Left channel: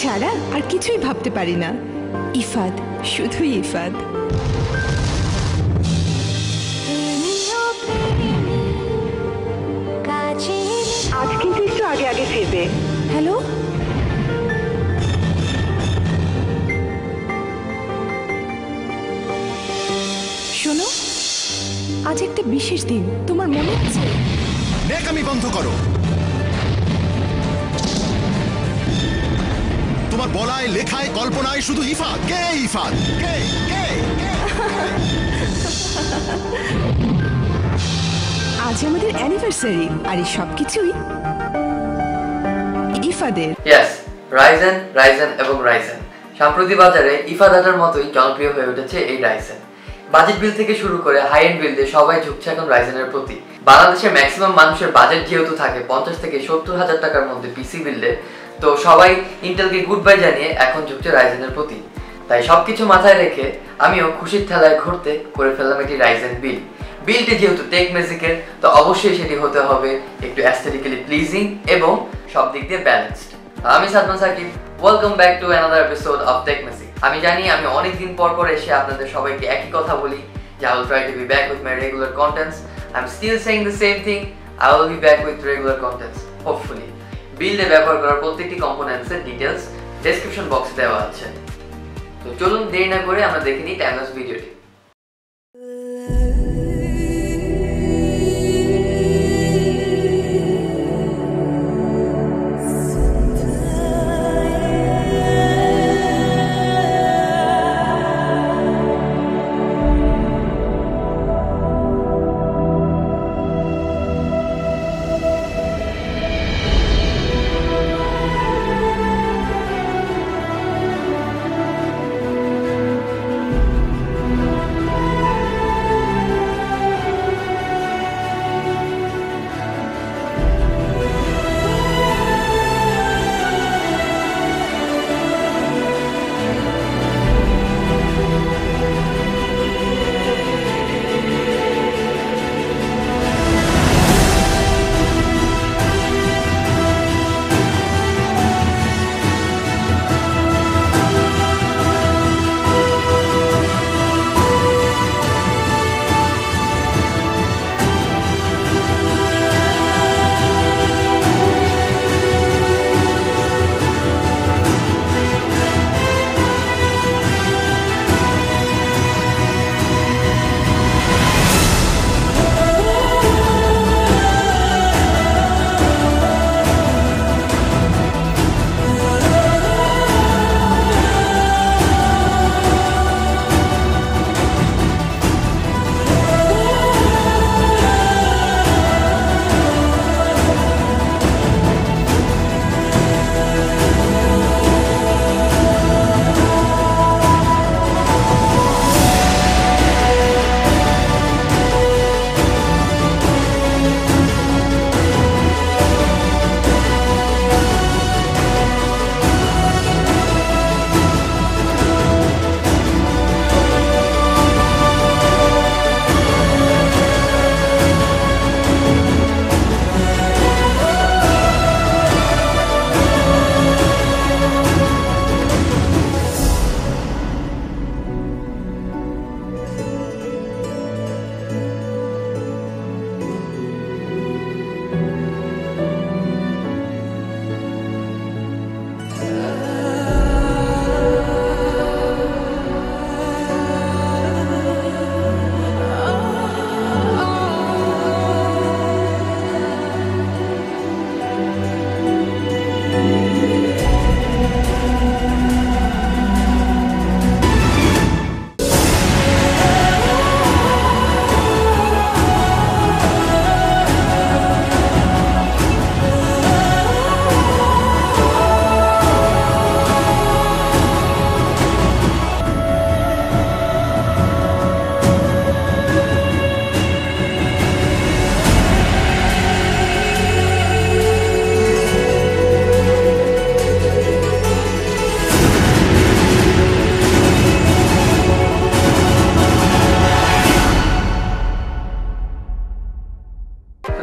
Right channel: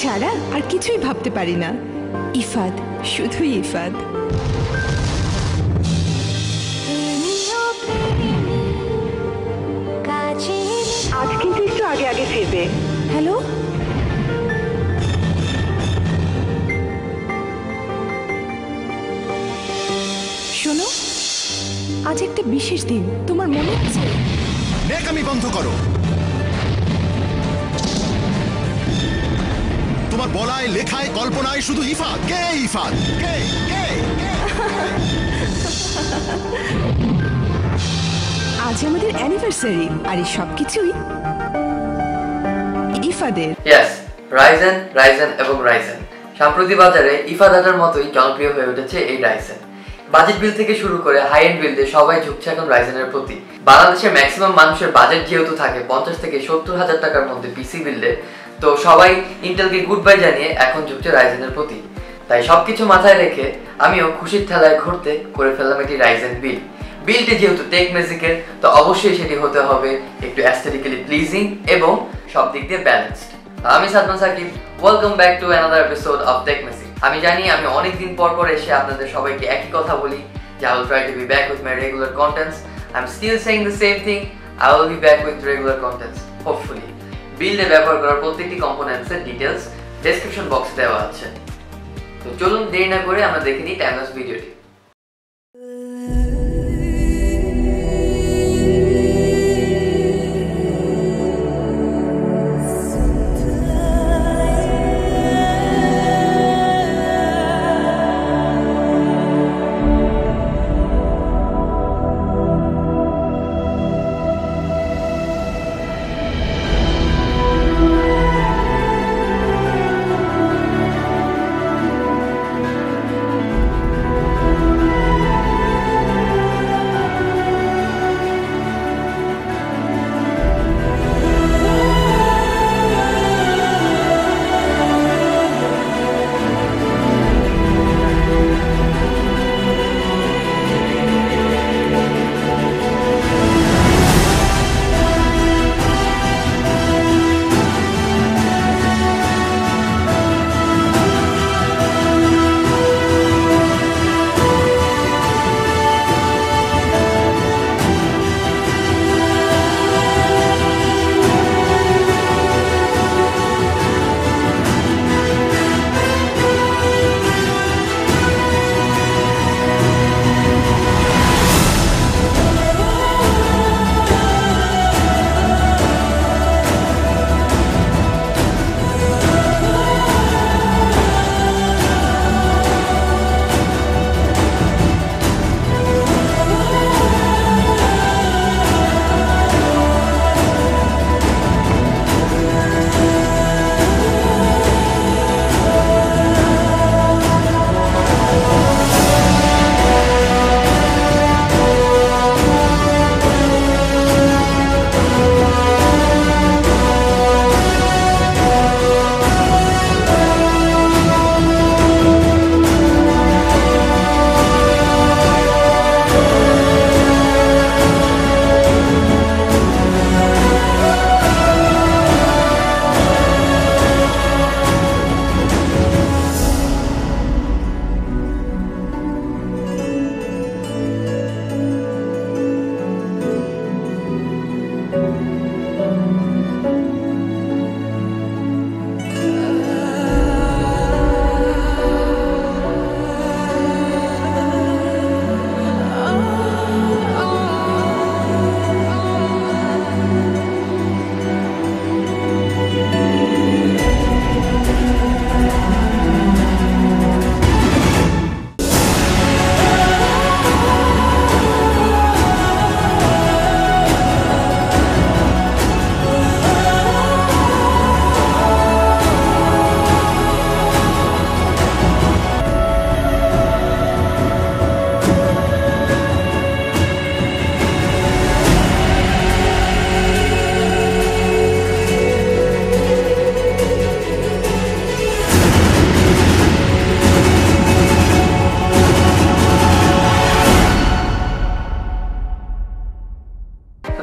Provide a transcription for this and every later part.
ছাড়া আর কিছুই ভাবতে পারি না। ইফাদ, শুধুই ইফাদ। আজ কিন্তু একটু আগে আগে ফিরবে। হ্যালো, শোনো, আজ একটা বিশেষ দিন, তোমার মনে আছে? নেকামি বন্ধ করো। তোমার বলায়, লেখায়, কল্পনায় শুধু ইফাদ। কে ইফাদ? কে কে? আজ আমাদের অ্যানিভার্সারি, আর এই সবকিছুই ইফাদের। ইয়েস, রাইজেন, রাইজেন এবং রাইজেন। সাম্প্রতিক বাজারে ইফাদাটার মতোই জনপ্রিয় হয়ে উঠেছে এই রাইজেন। বাজেট বিল থেকে শুরু করে হাই এন্ড বিল্ডে সবাই ঝুঁকছে এখন রাইজেনের প্রতি। বাংলাদেশের ম্যাক্সিমাম মানুষের বাজেট যেহেতু থাকে 50 থেকে 70 হাজার টাকার মধ্যে পিসি বিল্ডে, তো সবাই ইন্টেলকে গুড বাই জানিয়ে এখন ঝুঁকছে রাইজেনের প্রতি। তাই সবকিছু মাথায় রেখে আমিও খুশির ঠেলায় ঘুরতে করে ফেললাম একটি রাইজেন বিল। বিলটি যেহেতু টেক ম্যাজিকের, তো অবশ্যই সেটি হতে হবে একটু অ্যাস্থেটিক্যালি প্লিজিং এবং সব দিক দিয়ে ব্যালেন্সড। আমি Sadman Sakib, welcome back to another episode of tech magic. আমি জানি আমি অনেকদিন পর এসে আপনাদের সবাইকে একই কথা বলি যে I will try to be back with my regular contents. I'm still saying the same thing. I will be back with regular contents, hopefully. বিল্ডে ব্যবহার করার প্রত্যেকটি কম্পোনেন্টসের ডিটেলস ডেসক্রিপশন বক্সে দেওয়া আছে। তো চলুন দেরি না করে আমরা দেখে নিই টাইমলাইন ভিডিওটি।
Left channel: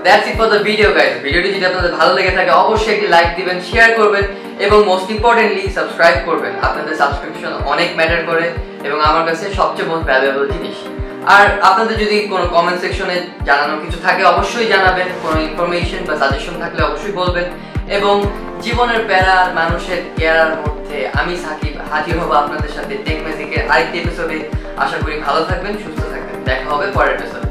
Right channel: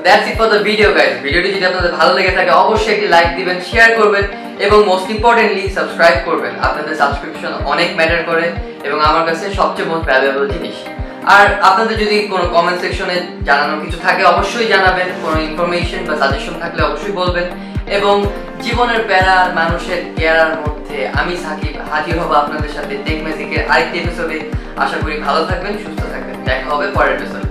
That's it for the video guys. ভিডিওটি যদি আপনাদের ভালো লেগে থাকে অবশ্যই একটি লাইক দিবেন, শেয়ার করবেন এবং মোস্ট ইম্পর্টেন্টলি সাবস্ক্রাইব করবেন। আপনাদের সাবস্ক্রিপশন অনেক ম্যাটার করে এবং আমার কাছে সবচেয়ে মোস্ট ভ্যালুয়েবল জিনিস। আর আপনাদের যদি কোনো কমেন্ট সেকশনে জানানো কিছু থাকে অবশ্যই জানাবেন, কোনো ইনফরমেশন বা সাজেশন থাকলে অবশ্যই বলবেন। এবং জীবনের প্যারা মানুষের কেয়ার মধ্যে আমি সাকিব হাজির হব আপনাদের সাথে টেক ম্যাজিকের আরেকটি এপিসোডে। আশা করি ভালো থাকবেন, সুস্থ থাকবেন। দেখা হবে পরের এপিসোডে।